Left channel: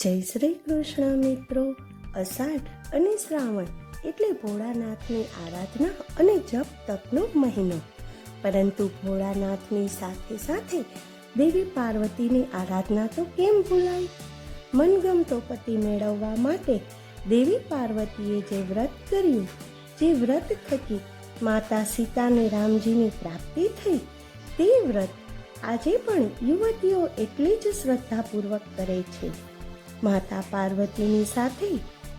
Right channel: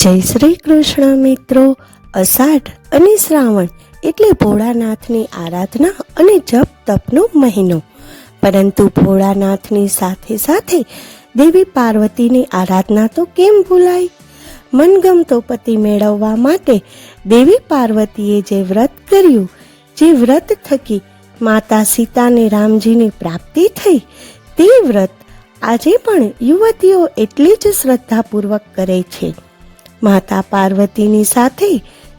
જય શ્રી કૃષ્ણ મિત્રો. અષાઢ અને શ્રાવણ એટલે ભોળાનાથની આરાધના અને જપ તપનો મહિનો. પરંતુ ભોળાનાથની સાથે સાથે દેવી પાર્વતીની આરાધના તો કેમ ભૂલાય? મનગમતો પતિ મેળવવા માટે દેવી પાર્વતીએ જે વ્રત કર્યું, જે વ્રત થકી માતા સીતાને રામજીની પ્રાપ્તિ થઈ, તે વ્રત આજે પણ યુવતીઓ એટલી જ શ્રદ્ધાપૂર્વક કરે છે. માતા પાર્વતીની સાથે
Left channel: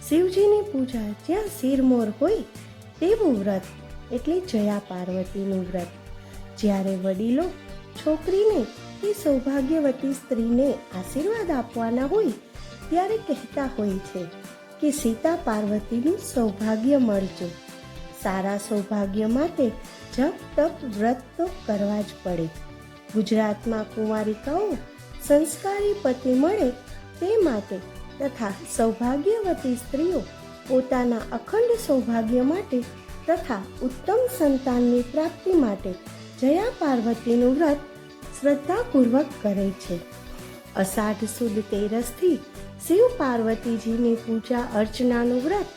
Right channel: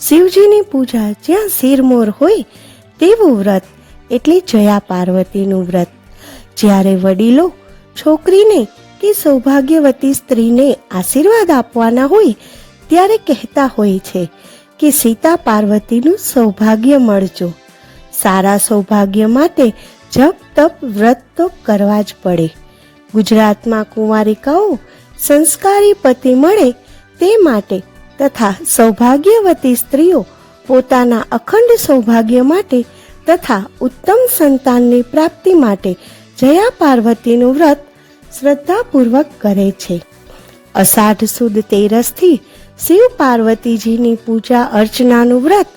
શિવજીની પૂજા જ્યાં શિરમોર હોય તેવું વ્રત એટલે જયા પાર્વતીનું વ્રત. જ્યારે વડીલો છોકરીને કે સૌભાગ્યવતી સ્ત્રીને આશીર્વાદ આપવાના હોય ત્યારે કહેતા હોય છે કે સીતા પાર્વતીનું સૌભાગ્ય મળજો. સારા સૌભાગ્ય માટે જપ તપ વ્રત તો કરવા જ પડે. ગુજરાતમાં કુંવારિકાઓ સંસ્કારી પતિ મળે તે માટે તથા સૌભાગ્યવતી સ્ત્રીઓ પોતાના અખંડ સૌભાગ્ય માટે તથા ઉત્તમ સંતાનની પ્રાપ્તિ માટે જયા પાર્વતીનું વ્રત શ્રદ્ધાપૂર્વક કરે છે. અષાઢ સુદ તેરસથી શિવ પાર્વતીજીની પૂજા અર્ચનાનું વ્રત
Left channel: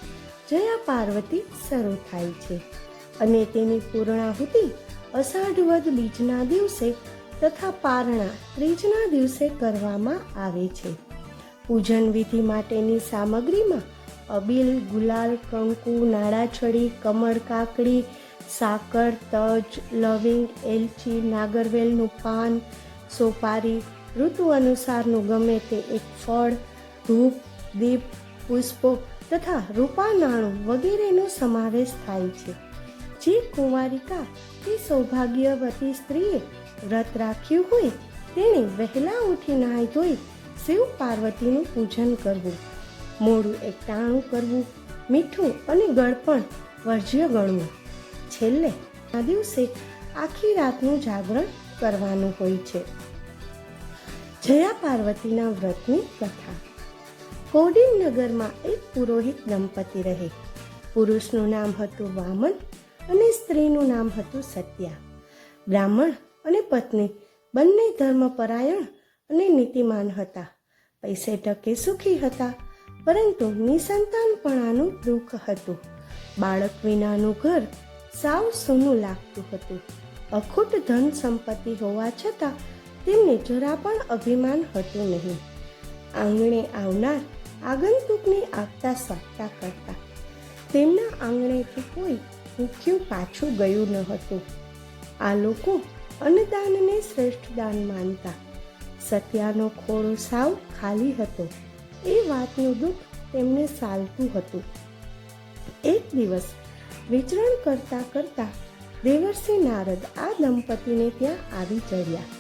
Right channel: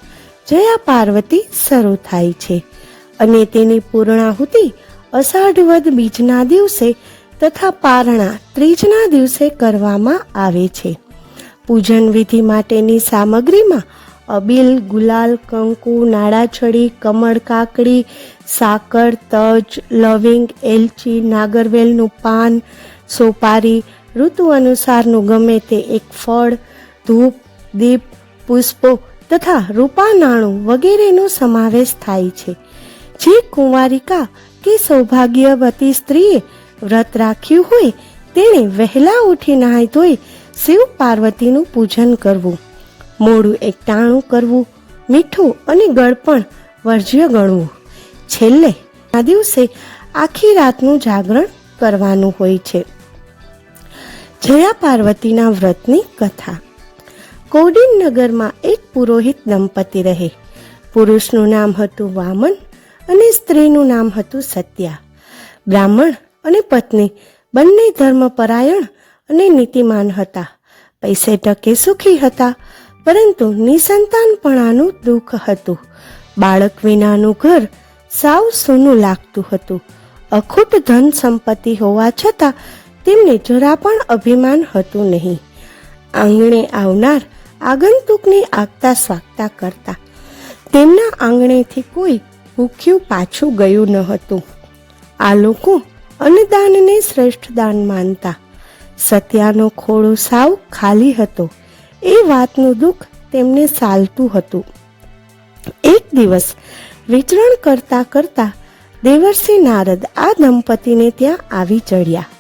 જયા પાર્વતી શરૂ થાય છે અને તેની પૂર્ણાહુતિ અષાઢ વદ બીજના દિવસે તથા પારણા ત્રીજના દિવસે કરવામાં આવે છે. પૂજન વિધિ માટેની સામગ્રીમાં અબીલ, ગુલાલ, કંકુ, નાળાછડી, કમળ કાકડી, સાકર, તજ, લવિંગ, એલચી, નાગરવેલનું પાન, સોપારી, ઋતુ અનુસારનું ગમે તે એક ફળ, ધૂપ, દીપ, પુષ્પો તથા રૂપા નાણું વગેરેનો સમાવેશ થાય છે. જે કુંવારિકા કે સૌભાગ્યવતી સ્ત્રીએ વ્રત રાખ્યું હોય તેણે વહેલા ઉઠી નાહી ધોઈ શિવ પાર્વતીનું પૂજન કરવું, મોડું એકટાણું કરવું, મીઠું અને ગળપણ વર્જ્ય ગણવું. છેલ્લે આ દિવસે આખી રાતનું જાગરણ કરવાનું હોય છે. જયા પાર્વતીના વ્રતની કથા. કૌડિન્યનગરમાં એક પુરોહિત દંપતી રહે. પુરુષનું નામ હતું વામન અને સ્ત્રીનું નામ હતું સત્યા. બ્રાહ્મણ અને પત્ની બંને ધર્મપરાયણ અને નીતિમાન હતા. પૈસે ટકે સુખી હતા, પરંતુ નિસંતાનપણાનું દુઃખ હતું. બાળક વિનાનું ઘર સાવ સૂનું લાગતું હતું. અખૂટ ધન સંપત્તિ હોવા છતાં તેમને જરા પણ અભિમાન હતું નહીં. આંગણે આવનાર આગંતુકની આગતા સ્વાગતા કરતા. તેમના આંગણેથી કોઈ ભૂખ્યું પાછું ગયું ન હતું. આ લોકો અન્નદાનને શ્રેષ્ઠ દાન માનતા. સત્યાનો ખોળો સાવ ખાલી હતો એ વાતનું દુઃખ તેમને સાલતું હતું. એક દિવસ વિચરણ કરતા કરતા દેવર્ષિ નારદ આ દંપતીને ત્યાં આવી ચડ્યા.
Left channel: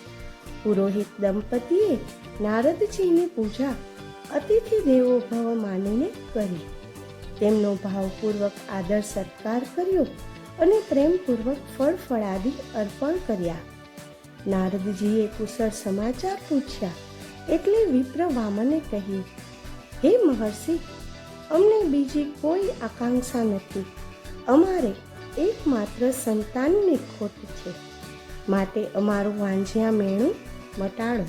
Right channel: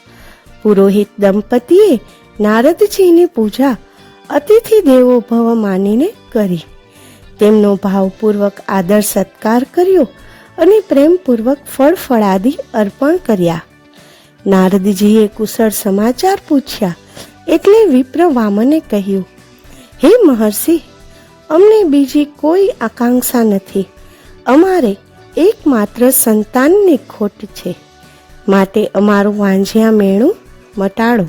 પુરોહિત દંપતીએ નારદજીની પૂજા અતિથિ દેવો ભવ માનીને કરી. તેમનો ભાવપૂર્વક આદર સત્કાર કર્યો અને પ્રેમપૂર્વક ફળ ફળાદી અર્પણ કર્યા. નારદજીએ કુશળ સમાચાર પૂછ્યા એટલે વિપ્ર વામને કહ્યું, હે મહર્ષિ, અમને બીજી કોઈ આકાંક્ષા નથી. અમારે એકમાત્ર સંતાનની ખોટ છે, માટે અમારું વાંઝિયા મેણું મટાડો.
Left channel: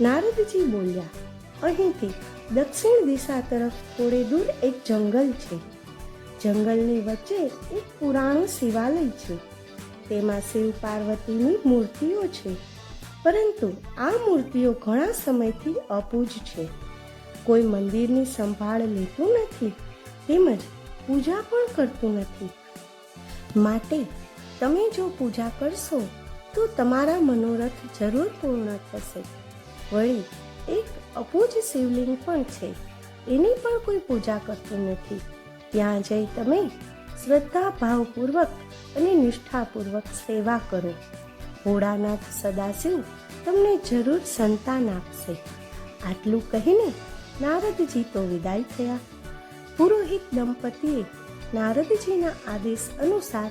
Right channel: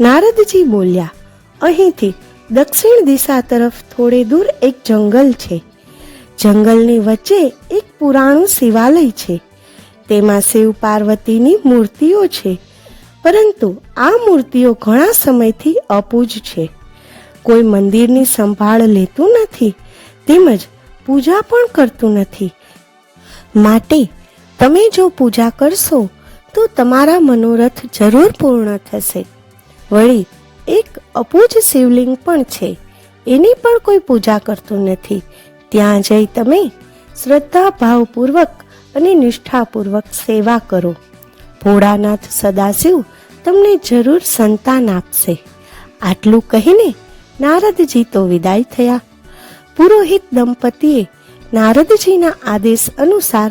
નારદજી બોલ્યા, અહીંથી દક્ષિણ દિશા તરફ થોડે દૂર એક જંગલ છે. જંગલની વચ્ચે એક પુરાણું શિવાલય છે. તેમાં શિવ પાર્વતીની મૂર્તિઓ છે, પરંતુ આ મૂર્તિઓ ઘણા સમયથી અપૂજ છે. કોઈ મંદિરની સંભાળ લેતું નથી, તેમજ પૂજા પણ કરતું નથી. માટે તમે જો પૂજા કરશો તો તમારા મનોરથ જરૂર પૂર્ણ થશે. વળી એક અપૂજ શિવલિંગ પણ છે, એની પણ કોઈ પૂજા કરતું નથી. ત્યાં જઈ તમે શ્રદ્ધા ભાવપૂર્વક અને નિષ્ઠાપૂર્વક સેવા કરો. ભોળાનાથ સદાશિવ તમને જરૂર સંતાન આપશે. આટલું કહીને નારદજી તો વિદાય થયા. પુરોહિત દંપતીએ નારદજીના આદેશ અનુસાર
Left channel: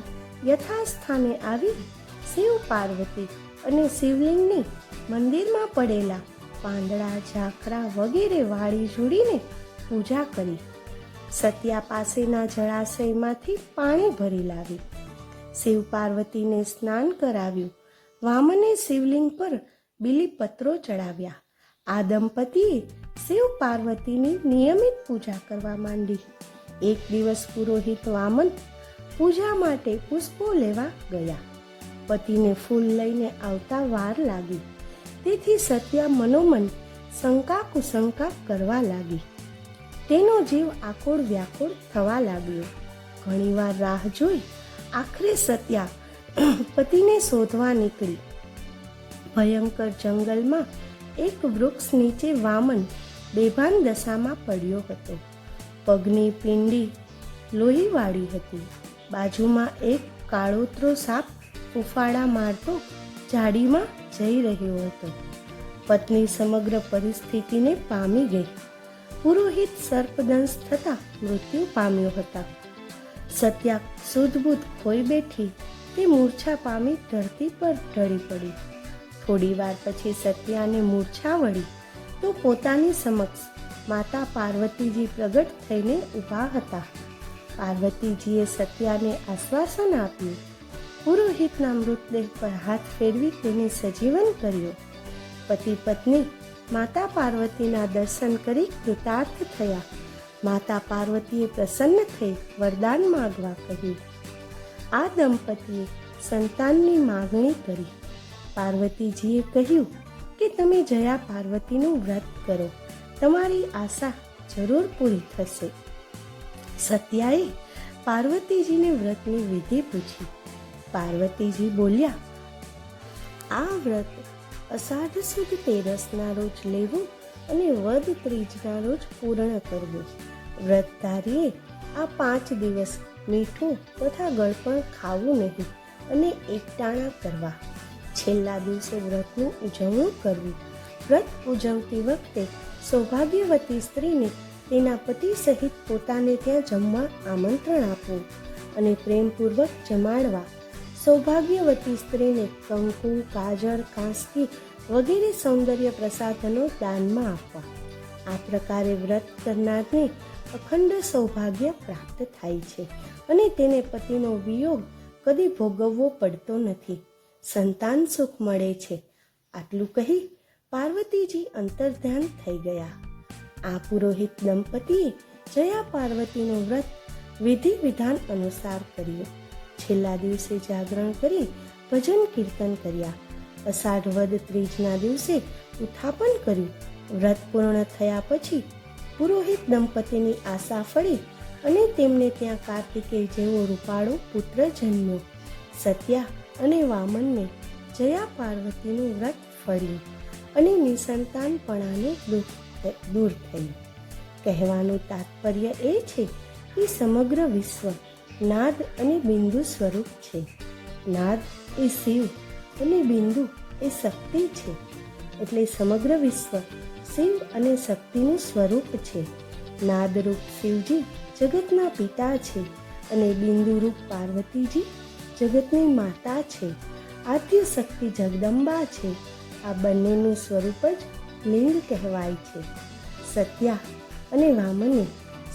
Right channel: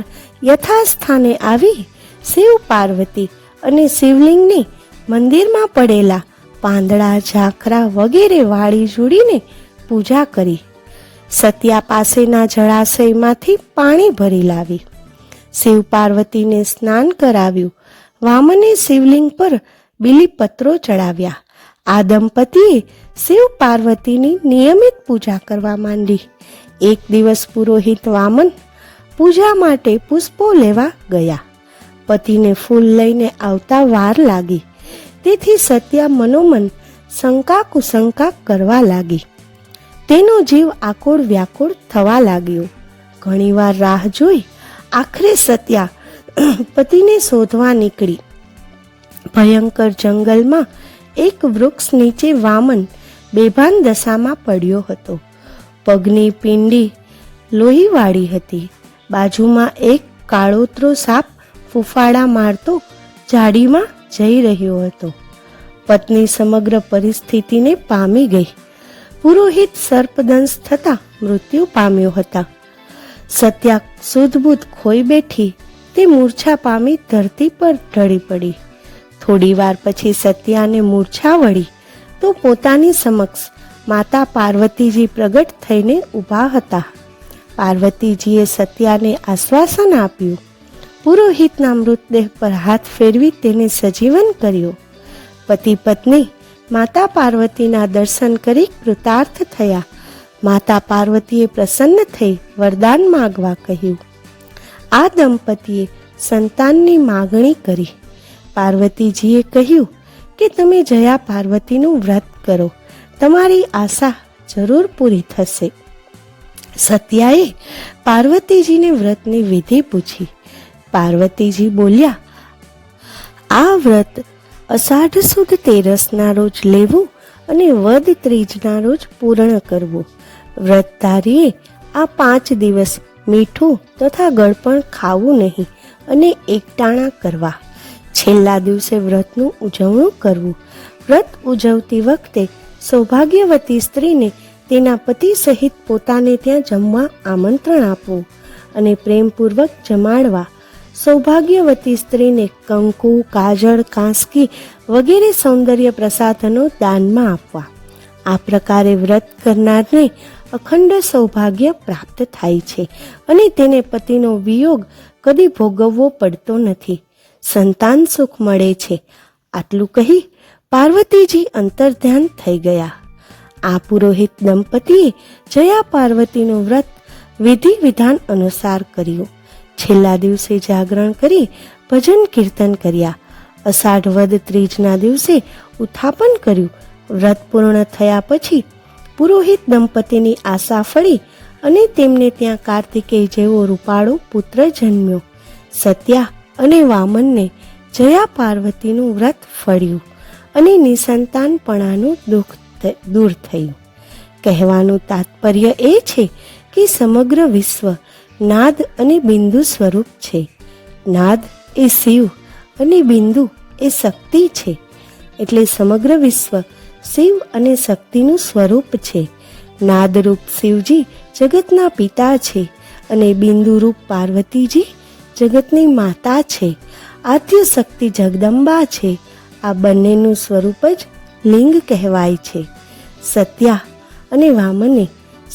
યથાસ્થાને આવી શિવ પાર્વતી અને શિવલિંગને મંદિરમાં પડેલા પાંદડા, ઝાખરા વગેરે વાળી જોડીને પૂજા કરી. સત્યા પાસેના જળાશયમાંથી પાણી ભરી લાવી. શિવ પાર્વતીને સ્નાન કરાવ્યું. વામને શિવલિંગ પર બીલીપત્રો ચડાવ્યા. આ દંપતીએ શિવ પાર્વતીની નિયમિત પૂજા કરવા માંડી. એક દિવસ પુરોહિત વામન પૂજા માટે પુષ્પો લેવા ગયા. પતિને ફૂલ લઈને આવતા વાર લાગી, તેથી સત્યા મનોમન શંકા કુશંકા કરવા લાગી. તેનો જીવ આકુળ વ્યાકુળ થવા લાગ્યો. ઘણીવાર રાહ જોઈ આખરે સત્યા પતિને શોધવા નીકળી. ભયંકર જંગલમાં એક વૃક્ષ નીચે વામન બેભાન દશામાં પડ્યો હતો. પગની પિંડી લોહીવાળી હતી. બાજુમાં એક કાળોતરો સાપ ફૂફાડા મારતો ઝાડીમાં જઈ રહ્યો હતો. પત્ની સમગ્ર પરિસ્થિતિને પામી ગઈ. પુરોહિત સર્પદંશ થતા મૃત્યુ પામ્યો હતા. સત્યા સુધબુધ ખોઈ બેઠી. તે મૂર્છા પામી ધરતી પર ઢળી પડી. થોડી વાર પછી સત્યાને મૂર્છા વળી તો પોતાની સમક્ષ માતા પાર્વતીજી પ્રગટ થઈને ઊભા હતા. પાર્વતીજીએ સત્યાને આશ્વાસન આપ્યું. પુરોહિતના મૃતદેહ પર હાથ ફેરવી તેને સજીવન કર્યો. પતિ પત્ની માતા પાર્વતીના દર્શન કરી કૃતાર્થ થયા. માતા પાર્વતીએ પ્રસન્ન થઈ વરદાન માગવા કહ્યું. આ દંપતીએ સંતાનની માગણી કરી. પાર્વતીજીએ કહ્યું કે તમે જયા પાર્વતીનું વ્રત કરો, તમારી આશા જરૂર પૂરી થશે. સત્યાએ પાર્વતીજીને વ્રતની વિધિ પૂછી. પાર્વતીજી બોલ્યા, આ વ્રત અષાઢ સુદ તેરસના રોજ લેવું અને વદ ત્રીજના રોજ પૂર્ણ કરવું. વ્રતધારીએ આ 5 દિવસ મીઠું તથા ગળપણ ખાવું નહીં અને એકટાણા કરવા. છેલ્લા દિવસે વ્રતનું ઉજવણું કરવું. વ્રત ઉજવતી વખતે સૌભાગ્યવતી સ્ત્રીને તેના પતિ સહિત પોતાને ત્યાં જમવા આમંત્રણ આપવું અને પ્રેમપૂર્વક જમાડવા. સૌભાગ્યવતી સ્ત્રીને કંકુ, કાજળ, કાંસકી વગેરે સૌંદર્ય પ્રસાધનો દાનમાં આપવા. આ પ્રકારે વ્રત કરનારને અખંડ સૌભાગ્ય પ્રાપ્ત થાય છે અને તેને પતિનો વિયોગ કદી ભોગવવો પડતો નથી. સંતાન સુખ મળે છે. આટલું કહી પાર્વતીજી અંતર્ધ્યાન થઈ ગયા. આ પુરોહિત દંપતીએ જયા પાર્વતીનું વ્રત વિધિ વિધાન અનુસાર કર્યું. છેલ્લા દિવસે જાગરણ કરી ભજન કીર્તન કર્યા. અષાઢ વદ ત્રીજના દિવસે ઉત્થાપન કર્યું. વ્રત પૂર્ણ થયા પછી પુરોહિત દંપતીની આશા ફળી અને તેમને ત્યાં કાર્તિકેય જેવો રૂપાળો પુત્ર જન્મ્યો. સત્યા અને વામનને જયા પાર્વતીનું વ્રત ફળ્યું અને નિસંતાનપણાનું દુઃખ દૂર થયું. કહેવાનું તાત્પર્ય એ છે કે સમગ્ર વિશ્વ નાદ અને બિંદુ સ્વરૂપ છે. નાદ એ શિવ અને બિંદુ એ શક્તિ છે. એટલે સમગ્ર વિશ્વ શિવ અને શક્તિનું સ્વરૂપ છે. નાદરૂપ શિવજી જગતના પિતા છે અને બિંદુરૂપ પાર્વતીજી જગતની માતા છે. આદ્ય શક્તિ જગદંબા છે. આ બંનેનું સ્વરૂપ જ લિંગ કહેવાય છે. સત્યા અને વામને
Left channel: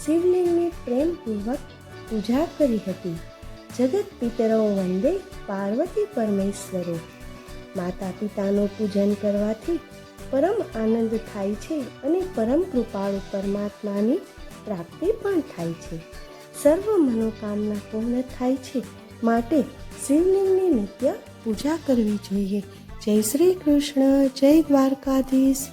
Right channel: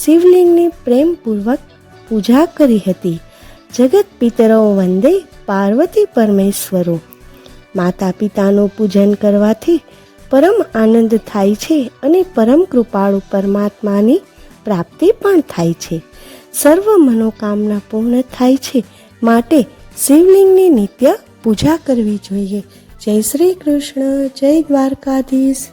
શિવલિંગની પ્રેમપૂર્વક પૂજા કરી હતી. જગત પિતરો વંદે પાર્વતી પરમેશ્વરો. માતા પિતાનું પૂજન કરવાથી પરમ આનંદ થાય છે અને પરમ કૃપાળુ પરમાત્માની પ્રાપ્તિ પણ થાય છે. સર્વ મનોકામના પૂર્ણ થાય છે. માટે શિવલિંગની નિત્ય પૂજા કરવી જોઈએ. જય શ્રી કૃષ્ણ. જય દ્વારકાધીશ.